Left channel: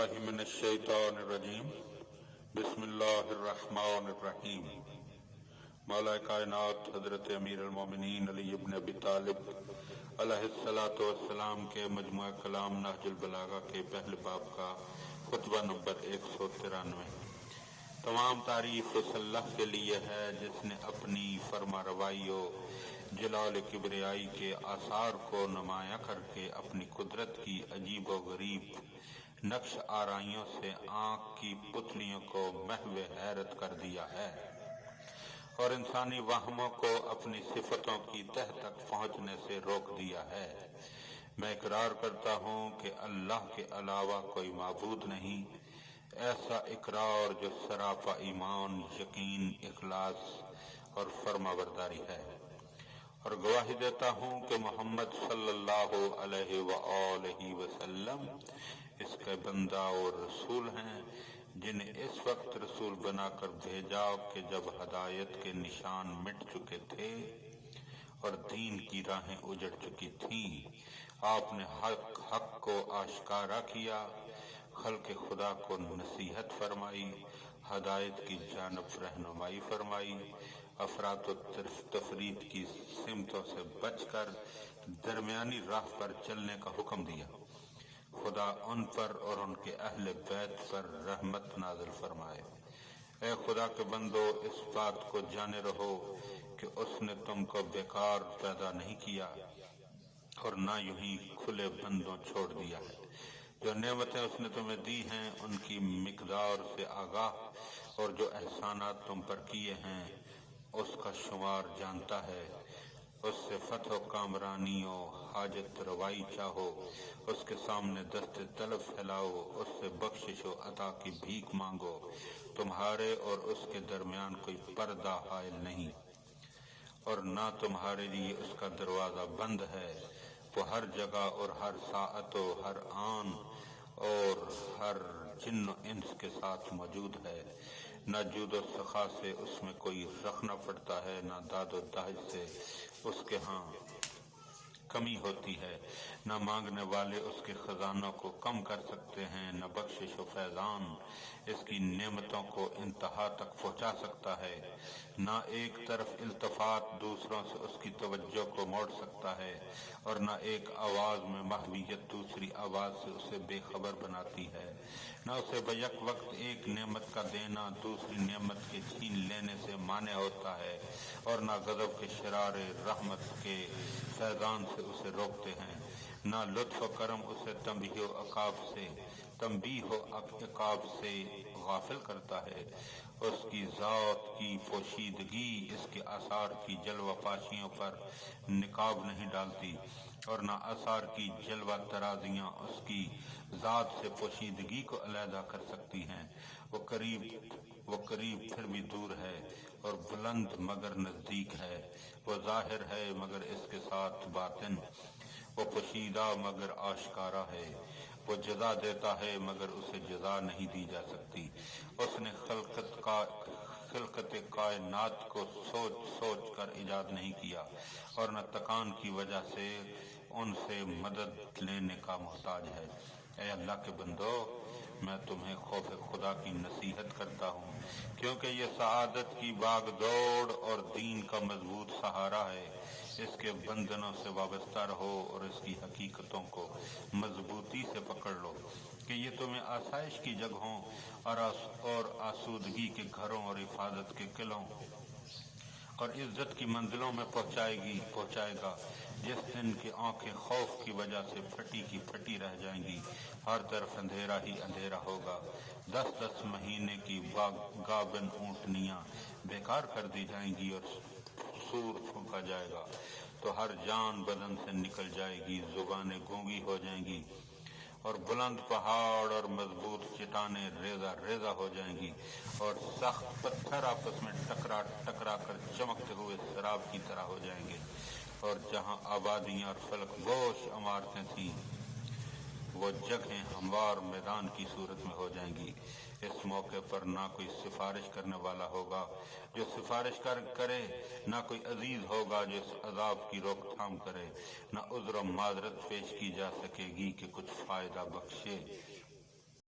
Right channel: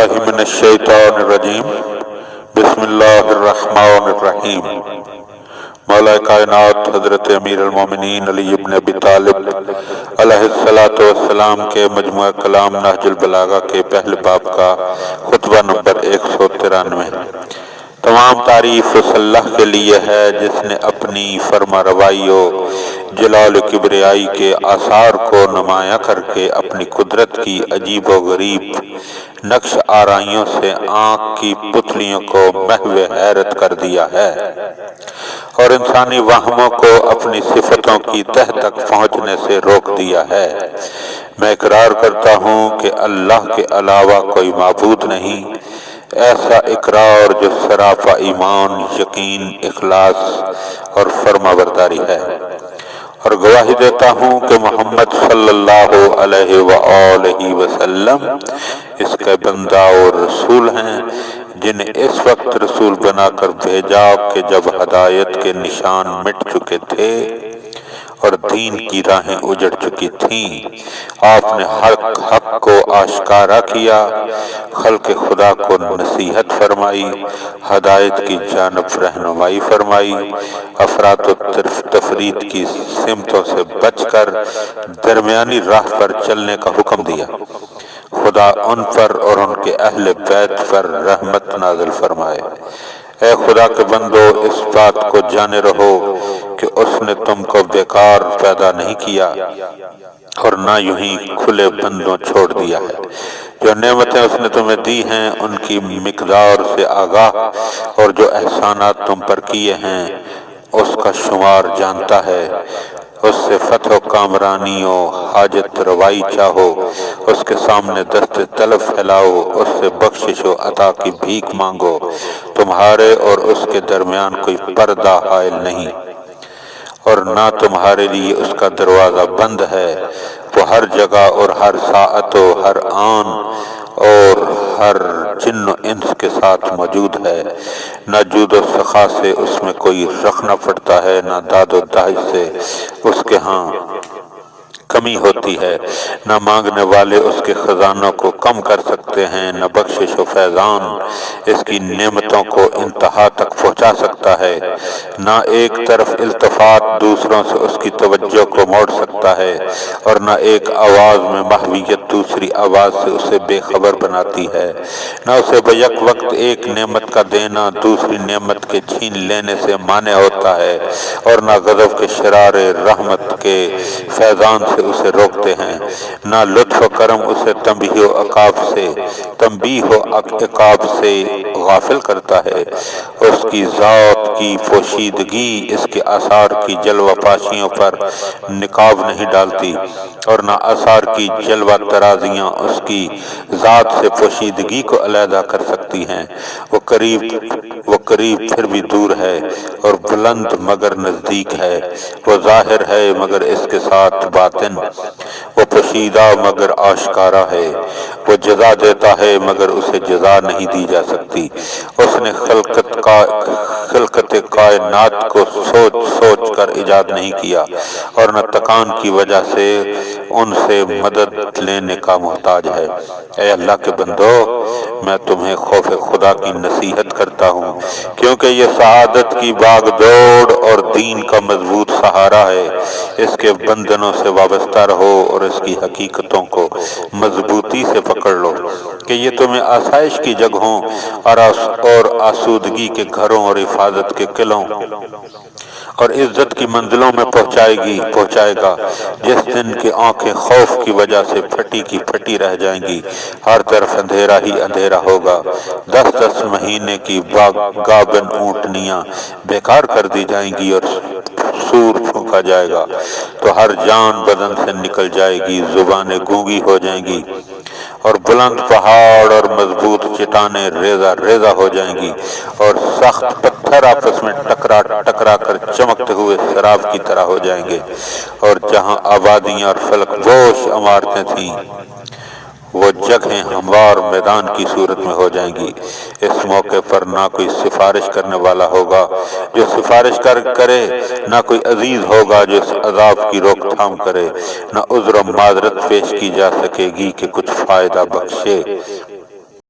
باللہ من الشیطان الرجیم بسم اللہ الرحمن الرحیم۔ مولا کائنات حضرت امیر المومنین علی ابن ابی طالب علیہ السلام کے مجموعہ کلام نہج البلاغہ کے پہلے باب کا خطبہ نمبر 193۔ تمام تعریف اس اللہ کے لیے ہے جس نے اپنی فرما روائی و جلال و کبریائی کے آثار کو نمایاں کر کے اپنی قدرت کی عجیب و غریب نقش آرائیوں سے آنکھ کی پتلیوں کو محو حیرت کر دیا ہے اور انسانی وہموں کو اپنی صفتوں کی تہ تک پہنچنے سے روک دیا ہے۔ میں اقرار کرتا ہوں کہ اللہ کے علاوہ کوئی معبود نہیں، ایسا اقرار جو سراپا ایمان، یقین، اخلاص اور فرمانبرداری ہے، اور گواہی دیتا ہوں کہ محمد صلی اللہ علیہ وآلہ وسلم اس کے بندہ اور رسول ہیں، جنہیں اس وقت رسول بنا کر بھیجا کہ جب ہدایت کے نشان مٹ چکے تھے اور دین کی راہیں اجڑ چکی تھیں، آپ نے حق کو آشکارا کیا، خلق خدا کو نصیحت فرمائی، ہدایت کی جانب رہنمائی فرمائی، افراط و تفریط کی سمتوں سے بچ کر درمیانی راہ پر چلنے کا حکم دیا۔ خدا ان پر اور ان کے اہل بیت پر رحمت نازل فرمائے۔ اے خدا کے بندو، اس بات کو جانے رہو کہ اس نے تم کو بیکار پیدا نہیں کیا اور نہ یوں ہی کھلے بندوں چھوڑ دیا ہے۔ جو نعمتیں اس نے تمہیں دی ہیں ان کی مقدار سے آگاہ، اور جو احسانات تم پر کیے ہیں اس کا شمار جانتا ہے۔ اس سے فتح و کامرانی و حاجت روائی چاہو، اس کے سامنے دست طلب پھیلاؤ، اس سے بخشش و عطا کی بھیک مانگو۔ تمہارے اور اس کے درمیان کوئی پردہ حائل نہیں، اور نہ تمہارے لیے اس کا دروازہ بند ہے۔ وہ ہر جگہ اور ہر ساعت و ہر آن اور ہر جن و انس کے ساتھ موجود ہے۔ نہ جود و سخا سے اس میں کوئی رکھنا پڑتا ہے، نہ داد و دہش سے اس کے ہاں کمی ہوتی ہے۔ نہ مانگنے والے اس کے خزانوں کو کم کر سکتے ہیں، نہ بخشش و فیضان اس کی نعمتوں کو انتہا تک پہنچا سکتا ہے۔ نہ ایک طرف التفات دوسروں سے اس کی توجہ کو موڑ سکتا ہے، اور نہ ایک آواز میں محویت دوسری آواز سے اسے بے خبر بناتی ہے۔ نہ اسے بیک وقت ایک نعمت کا دینا دوسری نعمت کے چھین لینے سے مانع ہوتا ہے، اور نہ غضب کے شرار رحمت کے فیضان سے اسے روکتے ہیں۔ نہ لطف و کرم اسے تنبیہ و عقاب سے غافل کرتا ہے۔ اس کی ذات کی پوشیدگی اس کے آثار کی جلوہ پاشیوں پر نقاب نہیں ڈالتی، اور نہ آثار کی جلوہ ترازیاں اس کی ذات سے پوشیدگی کو علیحدہ کر سکتی ہیں۔ وہ قریب پھر بھی دور ہے، اور بلند مگر نزدیک ہے۔ وہ ظاہر ہے مگر اس کے ساتھ باطن، وہ پوشیدہ مگر آشکارا ہے۔ وہ جزا دیتا ہے مگر اسے جزا نہیں دی جا سکتی۔ اس نے خلقت کائنات کو سوچ سوچ کر ایجاد نہیں کیا، اور نہ تکان کی وجہ سے ان سے مدد لینے کا محتاج ہے۔ اے اللہ کے بندو، میں تمہیں خوف خدا کی نصیحت کرتا ہوں، کیونکہ یہ سعادت کی باغ دوڑ اور دین کا مضبوط سہارا ہے۔ اس کے بندنوں سے وابستہ رہو اور اس کی حقیقتوں کو مضبوطی سے پکڑ لو، کہ یہ تمہیں آسائش کی جگہوں اور آسودگی کے گھروں اور حفاظت کے قلعوں اور عزت کی منزلوں میں پہنچائے گا۔ جس دن کی آنکھیں خوف کی وجہ سے پھٹی کی پھٹی رہ جائیں گی، ہر طرف اندھیرا ہی اندھیرا ہوگا۔ 10 مہینے کی گابن اونٹنیاں بیکار کر دی جائیں گی اور سور پھونکا جائے گا، تو ہر جان بدن سے نکل جائے گی، زبانیں گونگی ہو جائیں گی، اور بلند پہاڑ اور مضبوط چٹانیں ریزہ ریزہ ہو جائیں گی، اور سخت پتھر آپس میں ٹکرا کر چمکتے ہوئے سراب کی طرح ہو جائیں گے، اور جہاں آبادیاں اور فلک بوش عمارتیں تھیں وہ جگہیں ہموار میدان کی صورت میں ہو جائیں گی۔ اس موقع پر نہ کوئی سفارش کرنے والا ہوگا جو سفارش کرے، نہ کوئی عزیز ہوگا جو اس عذاب کی روک تھام کرے، نہ عذر و معذرت پیش کی جا سکے گی کہ کچھ فائدہ بخشے۔